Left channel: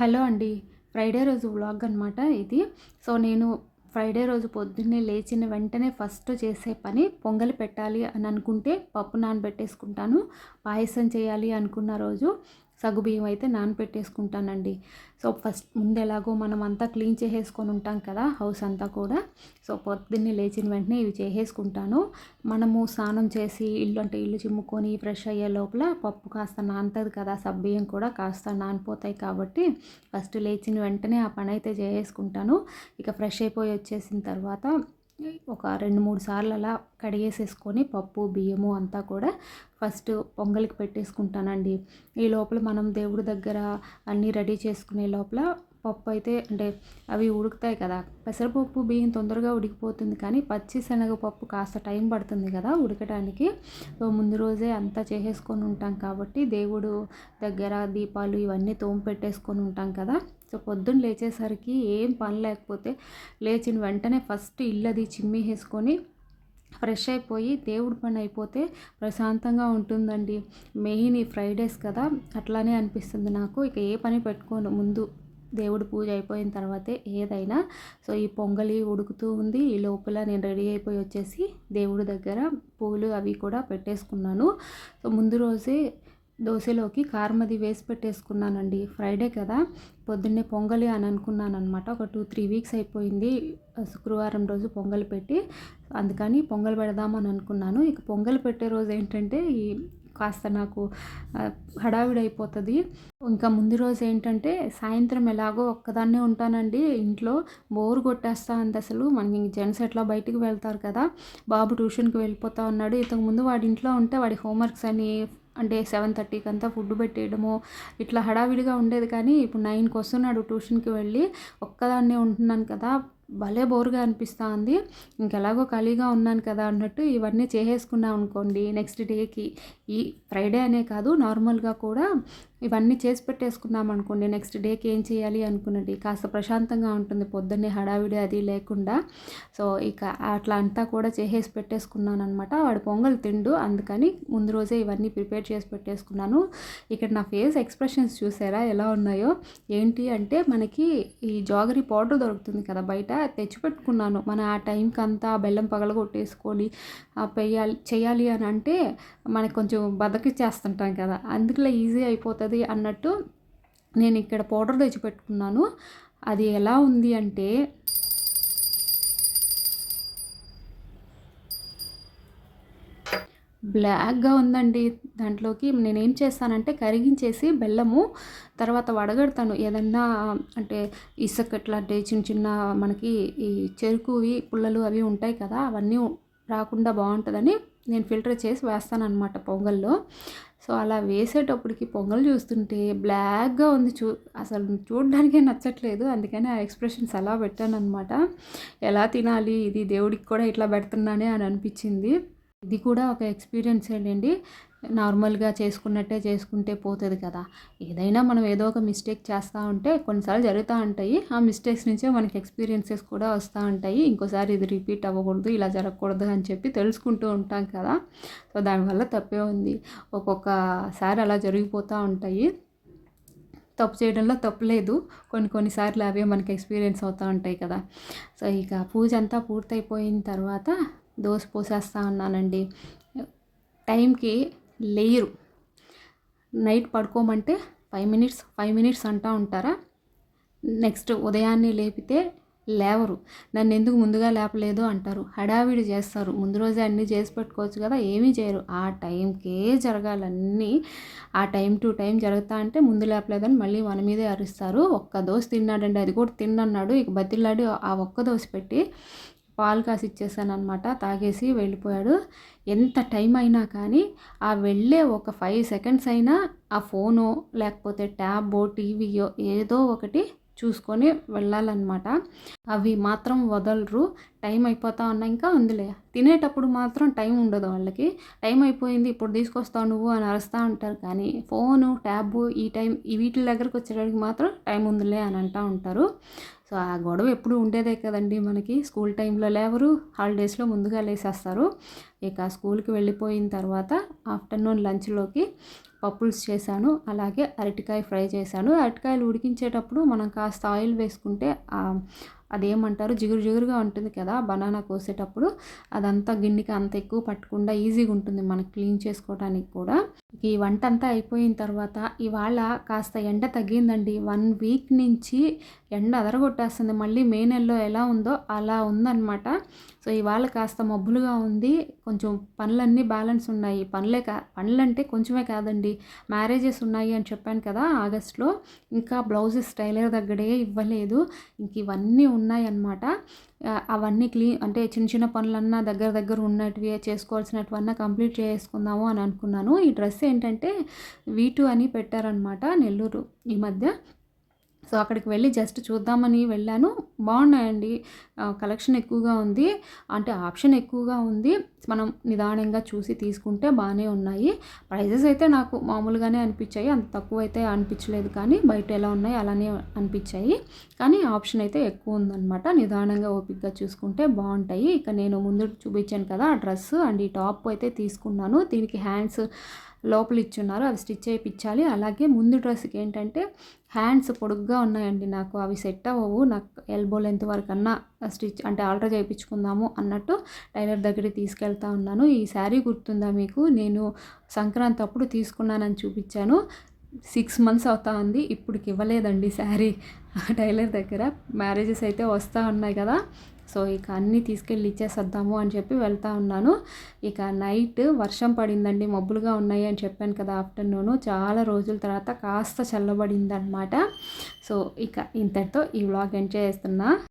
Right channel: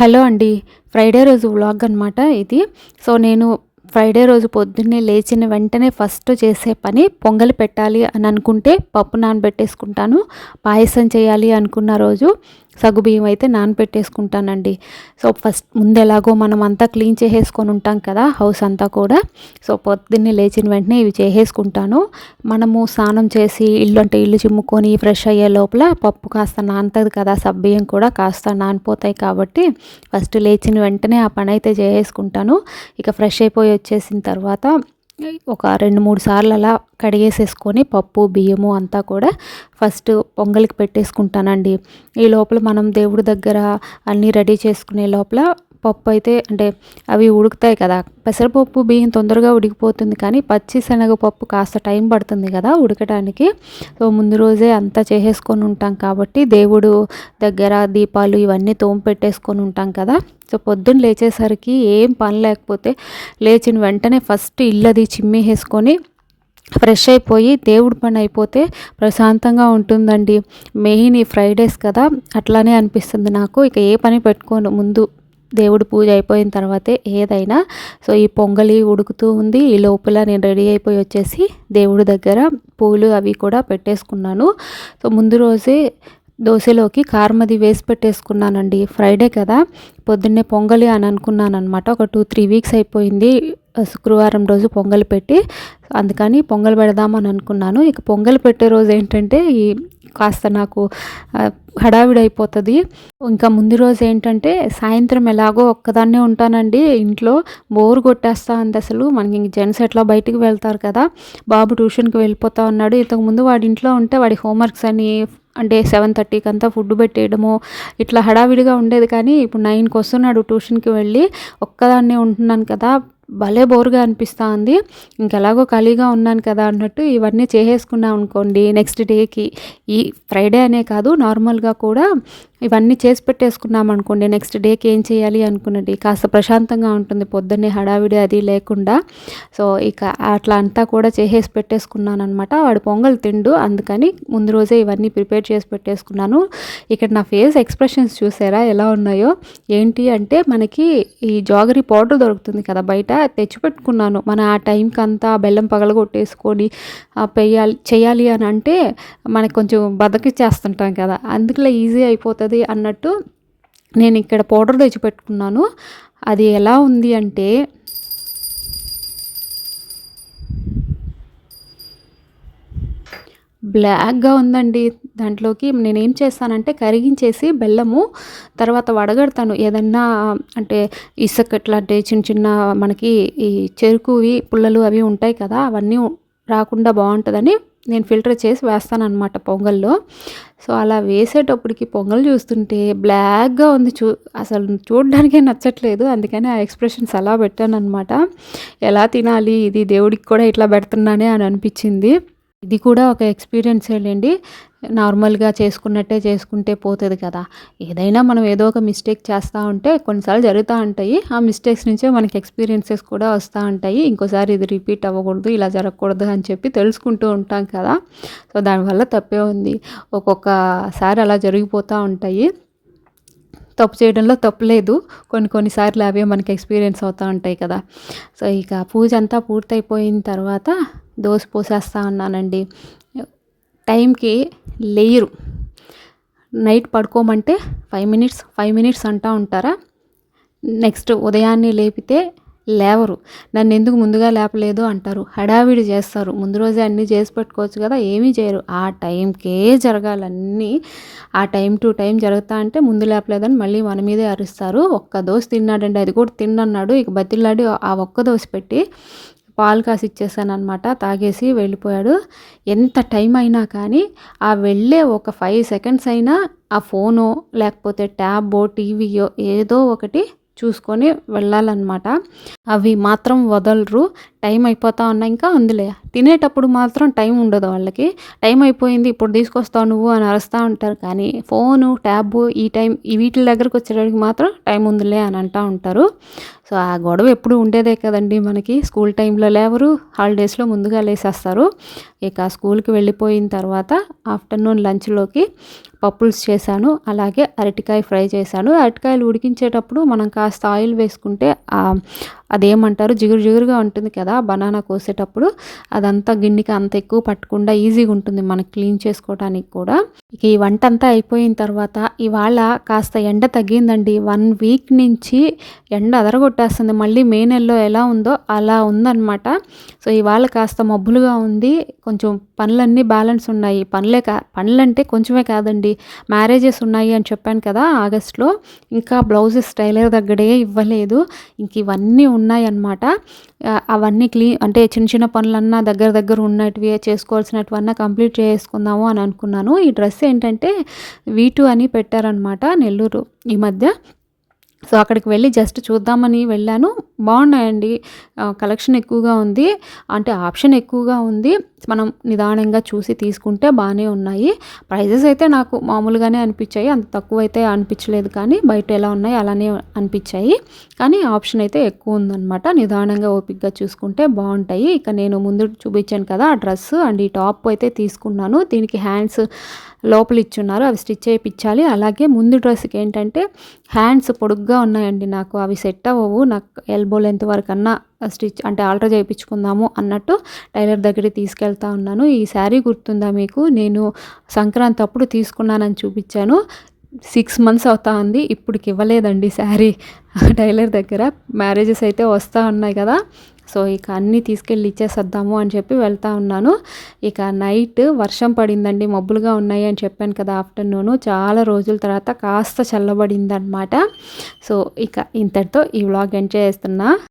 Hello అండి. Friday రోజు vlog అనమాట ఇది. నేను ఫ్రైడే రోజు పొద్దున్నే లేచిన వెంటనే ఫస్ట్ చేసే పని పొంగలి పెట్టాలి అని అనుకుంటే పప్పు నానబెట్టేసుకుంటాను. పాయసం చేయాలి అనుకున్న రోజు సగ్గుబియ్యం అయితే నానబెట్టేసుకుంటానండి. ఫస్ట్ ముందు ఎలాగో మనం అంతా క్లీన్ చేసేసుకొని ఉంటాం కదా హౌస్ అంతా కూడా. పొద్దున్నే లేచిన వెంటనే ఇవి చేసేసుకుంటాను. మనము స్నానం చేసి ఇల్లు చిమ్ముకొని ఫ్రెష్ అయ్యే లోపల పప్పు కాస్త నానుతుంది కదా, సగ్గుబియ్యం కూడా కాస్త నానిపోతాయి కాబట్టి ఫస్ట్ లేచిన వెంటనే ఆ పని అయితే చేసేసుకుంటాను. ఇక ఫ్రెష్ అయిపోయి వచ్చేసిన తర్వాత ఒక 2, 3 సార్లు అలా కడిగేసేసుకొని పప్పు బియ్యము అంతా కూడా ఫస్ట్ పొంగలికి పెట్టేసుకుంటానండి. ఈ లోపల మనం దేవుడి దగ్గర అన్నీ రెడీ చేసుకునే లోపల పప్పు అయితే అంటే అవి ఉడుకుతాయి కదా. పెసరపప్పు బియ్యం తొందరగా ఉడికిపోతుంది, కానీ పచ్చి శనగపప్పు కాస్త టైం పడుతుంది కదా ఉడకడానికి. ముందు రోజే అంతా చేసేసుకొని ఉంటాం కాబట్టి దేవుడు దగ్గర దీపాలు ఇవన్నీ పెట్టేసుకొని ఉంటాం కదా. పొద్దున్న లేచేసరికి ఏం పని లేకపోతే లేచిన వెంటనే ఫస్ట్ ఇల్లది చిమ్మేసేసుకొని ఫ్రెష్ అయిపోయి దేవుడి పని అయిపోతే ప్రశాంతంగా ఉంటుందండి. మెయిన్ ఈ ఫ్రైడేస్ కదా, అట్లానే అనిపిస్తుంది నాకు. ఇక ఏ పని పెట్టుకోను, ముందు దేవుడి పూజ అయిపోయిన తర్వాతే ఏదైనా. ఈ పొంగలి ఉడుకుతూ ఉంది, ఈ లోపల నేను రెడీ అయిపోయి వచ్చేసి దేవుడి దగ్గర పూలు అవి కూడా పెట్టేసుకున్నాను. ముందు రోజే దోశలోకి కారం అది వేసి పెట్టేసుకున్నానండి. ఫ్రైడే కదా, పొద్దున్నే పొంగలి అని అనుకున్నాను అనమాట. ఒక 2-3 వీక్స్ అయిపోయింది శుక్రవారం రోజు పొంగలి పెట్టి, అందుకని పొంగల్ పెడదామని అనుకున్నాను. ఇక పొంగల్ పెట్టే రోజు ఏంటంటే కాస్త నాకు హడావిడి అయిపోతుంది. ఇంకా ముందు రోజు ఏంటంటే సాయంత్రం ఎలాగో ఒక్కదాన్నే ఉంటానండి ఇంట్లో, బోర్ కొట్టేస్తా ఉంది అసలు. మనకి జెంట్స్ ఎట్లా బయటికి వెళ్తారు కదా, బాబు ట్యూషన్కి వెళ్ళిపోతా ఉన్నాడు. ఇంతకుముందు వాడి ఇంట్లో ఉంటే వాడి హోంవర్క్స్ అని అంటే 7:30కి అంతా ఫుడ్ పెట్టేయడము ఇట్లా హడావిడిగా ఉండేది, కానీ ఇప్పుడు 9కి వస్తున్నాడు ట్యూషన్కి వెళ్ళి. ఒక్కదాన్నే ఉంటున్నాను కదా, భలే బోర్గా అనిపిస్తూ ఉంది. ఇంకెలాగో ఖాళీగా ఉన్నాను కదా అన్నట్టు ఇవన్నీ చేసేసుకున్నాం అనుకోండి, నెక్స్ట్ డేకి ఈ ఫ్రైడే అనే కాదు నార్మల్గా కూడా ఇవన్నీ చేసి పెట్టేసుకున్నాం అనుకోండి, నెక్స్ట్ డేకి ఏం చేయాలి అనుకున్నది కాస్త ప్రశాంతంగా ఉంటుంది, పొద్దున్నే హడావిడి అది లేకుండా. ఇక అట్లా అంతా కూడా చేసేసి పెట్టేసుకున్నాను అనమాట. వాడు పొంగల్ తిండు, అందుకని ముందు రోజే ఇవన్నీ ప్రిపేర్ చేసి పెట్టేసుకున్నాను. ఇక్కడ నా ఫేస్ ఎక్స్ప్రెషన్స్ చూసారా ఎలా ఉన్నాయో. ఏంటి అంటే మనకి ఈ జాగరీ పౌడర్ దొరుకుతుంది కదా బయట, తెచ్చిపెట్టుకున్నాను. మన ఆ టైంకి అంతా బెల్లం పగలగొట్టేసుకొని చేయాలి అని అంటే మనకు కొంచెం బద్దకిచ్చేస్తుంటాం కదా, అందుకలా ఈజీ అయిపోతుంది అన్నట్టు నేను ఇక్కడ పౌడర్ తెచ్చిపెట్టుకున్నాను. అది ఎలా ఉంది అంటే బ్లాక్గా ఉందండి. దాంట్లోకి నేనేం చేస్తానంటే కరిగించేసి బెల్లము తర్వాత వడగడతాను. ఏదన్నా అంటే ఇసుక ఇట్లాంటి చిన్న చిన్న మనకి ఈ చెరుకువి పుల్లలు అవి ఉంటాయి కదా, అవన్నీ రాకుండా బాగుంటుందని నేను ఫిల్టర్ చేసి వేస్తానన్నమాట పొంగల్లో. అలా వేసేటప్పటికి పొంగల్ చూస్తుంటే బ్లాక్గా ఉంది, అసలు చూడడానికే నచ్చట్లేదు. అందుకని ఆ ఎక్స్ప్రెషన్స్ అలా పెట్టానన్నమాట. ఎలా తినాలి ఇది, దేవుడికి కూడా ఇట్లా పెడుతున్నానే అని అనిపించింది. ఇది కూడా ఒక ఎక్స్పీరియన్సేలేండి. నార్మల్గా చేసుకున్నట్టే చేసుకుంటే పోతుంది కదా. ఏదైనా మనం ఏదో ఒక మిస్టేక్ చేస్తూ ఉంటే కొన్నిసార్లు జరుగుతూ ఉంటాయి. ఆ మిస్టేక్స్ నుంచే మనకి ఎక్స్పీరియన్సెస్ కూడా వస్తూ ఉంటాయి. ఇంకోసారి ఇది రిపీట్ అవ్వకూడదు, ఇలా జరగకూడదు అని చెప్పి తెలుసుకుంటూ ఉంటాం కదా. దానివల్ల తప్పే ఉంది. ఒక్కొక్కసారి అలా జరిగిపోతూ ఉంటాయి. తప్పు చేయడంలో తప్పు లేదు, కొన్నిసార్లు అవే మనకి ఎక్స్పీరియన్స్ అవుతూ ఉంటాయి కదా. ఇక పూజ అంతా పూర్తయిపోయిన తర్వాత దోశ పోసేస్తూ ఉన్నానండి. టైంకి లేయరు. నైట్ పడుకోమంటే 5 మినిట్స్ అంటూ ఉంటారా, నెక్స్ట్ ఉదయాన్నే లేపితే లేవరు. నన్ను ఎందుకు ముందుగా లేపలేదు అంటారు, హడావిడి చేస్తారు. ముందు రోజే అన్నీ చేసి పెట్టుకోవచ్చు కదా, ఏమీ చేయరు. ఆ టైంకే జరగాలన్నీ, ఆ టైం టు టైం జరుగుతా అంటే ముందు లేపలేదని మళ్ళీ మన మీదే అరుస్తారు. ఒక్క దోశ తిన్నాడండి, అది కూడా తిన్నన్నాడు. ఇక బతిలాడి ఆ ఒక్క దోశ పెట్టి పాలు కాసి ఇచ్చేసాను అనమాట. తాగేసి వెళ్ళిపోయాడు. ఎంత టైం అయినా కానీ ఆ వెళ్ళే ఒక 5 సెకండ్స్ అయినా ఆ ఫోనో లేకపోతే ట్యాబో టీవీయో ఏదో ఒకటి చూసుకొని వెళ్ళాలన్నమాట. అవి మాత్రం వదలరు. టైం అయిపోతా ఉన్నా ఇంకా ఉందిలే తినేటప్పుడు మాత్రం టైం ఉండదు వాళ్ళకి. టైం అయిపోయింది ఇప్పుడు తీసుకొస్తావు నువ్వు అని అరుస్తా ఉంటారు. కానీ ఫోను, ట్యాబు ఈ వీటిల దగ్గరకొచ్చేటప్పటికి మాత్రం టైం ఉందిలే అని అంటా ఉంటారు. సో, ఆ గొడవ ఎప్పుడు ఉండేదే కదండీ మనకి. స్కూల్ టైంలో లేవరు, హాలిడేస్‌లో ముందుగా లేసేస్తారు. ఇక స్కూల్‌కి వెళ్ళిపోయిన తర్వాత ఆఫ్టర్‌నూన్ లంచ్‌లోకి పప్పుల్స్ చేశాను. అలాగే అరటికాయ ఫ్రై చేశాను. అరటికాయలు ఉడికించేటప్పుడు మనం కాస్త ఆయిల్ వేసుకుంటే అదేమంటారు జిగురు జిగురుగా ఉంటుంది కదా! బనానా కోసేటప్పుడు అదంతా గిన్నెకి అంత ఎక్కువ పట్టకుండా ఈజీగా ఉంటుంది మనకి క్లీన్ చేసుకోవడానికి కూడా. ఇక ఈ వంటంతా అయిపోయిన తర్వాత ఇవాళ కాస్త ఎండ తగ్గిందండి. 1 వీక్ నుంచి ఎండ అదరగొట్టేస్తుంది. మళ్ళీ మే నెలలో ఎలా ఉందో అలా ఉందనమాట. సో, ఇవాళ కాస్త మబ్బులుగా ఉంది. కొంచెం పనులన్నీ బ్యాలెన్స్ ఉన్నాయి. పనులంటే కొంచెమే కాదండి. మ్యారేజెస్ ఉన్నాయి అని చెప్పాను కదా! ఆగస్ట్‌లో. ఇంకా బ్లౌజెస్ టైలర్ దగ్గరే ఇవ్వలేదు. ఇంక ఇవన్నీ ఉన్నాయన్నమాట. అవన్నీ అంటే చిన్న చిన్న పనులన్నా దగ్గర దగ్గర ఉన్నటివి చేసుకోవాల్సినటివన్నా కంప్లీట్ చేసుకుందాము అని అనుకున్నాను. ఈ డ్రెస్ ఏంటంటే వీ2 అని పెట్టారనమాట నెల్లూరు ఈ మధ్య. సో, అక్కడికి వెళ్ళి జస్ట్ చూద్దామని వెళ్ళాను. బాగున్నాయండి. కలెక్షన్ ఎక్కువగా ఉంది. అంటే ఆప్షన్ ఎక్కువగా ఉంది. మనం నిదానంగా చూసి తీసుకుంటే బానే ఉన్నాయి. ప్రైజెస్ అయితే నాకు మామూలుగానే అనిపించాయి. అంత తక్కువైతే అనిపించలేదు కానీ బయట ఎలా ఉన్నాయో అలానే అనిపించాయి. కానీ ఆప్షన్ అయితే ఎక్కువ ఉందనమాట. నిదానంగా ఓపికగా చూసుకుంటే బాగుంటాయి. ఇక నేను ముందు చూపించాను కదా! ఆ డ్రెస్ అండ్ ఈ టాప్ అయితే తీసుకున్నాను. దీనికి హ్యాండ్స్ లోపల ఇచ్చున్నారు. అవి స్టిచ్ చేయించాలి. అలాగే ముందు డ్రెస్‌కి ఏంటంటే హ్యాండ్స్ పొడుగ్గా ఉన్నాయండి నాకు. అవి సెట్ అవ్వవు. నాకు ఎల్బో లెంత్ వరకన్నా స్టిచ్ అంటే ఆల్టర్ చేయించుకుందాము అన్నట్టు టైలర్ దగ్గరికి తీసుకెళ్తా ఉన్నాను. ఈ శారీ గుర్తుందా మీకు? నేను సంక్రాంతి అప్పుడు తీసుకున్నానని చూపించాను. 6 మంత్స్ అవుతా ఉంది. ఇప్పటికి ఇవ్వలేదండి శారీ టైలర్ దగ్గర. మ్యారేజెస్ అయితే వస్తా ఉన్నాయి కదా! సో, ఇక అన్నీ తీసుకెళ్ళి ఇచ్చేసొద్దాము అని చెప్పి వెళ్తా ఉన్నాను. ఇక నైట్ వర్షం పడిందండి. మబ్బులుగా ఉన్నాయి అని చెప్పాను కదా! ఆఫ్టర్‌నూను. చాలా రోజుల తర్వాత కాస్త చల్లబడిందనమాట. సో, ఇక ఇంతటితో ఈ వ్లాగ్ ఎండ్ చేస్తున్నా.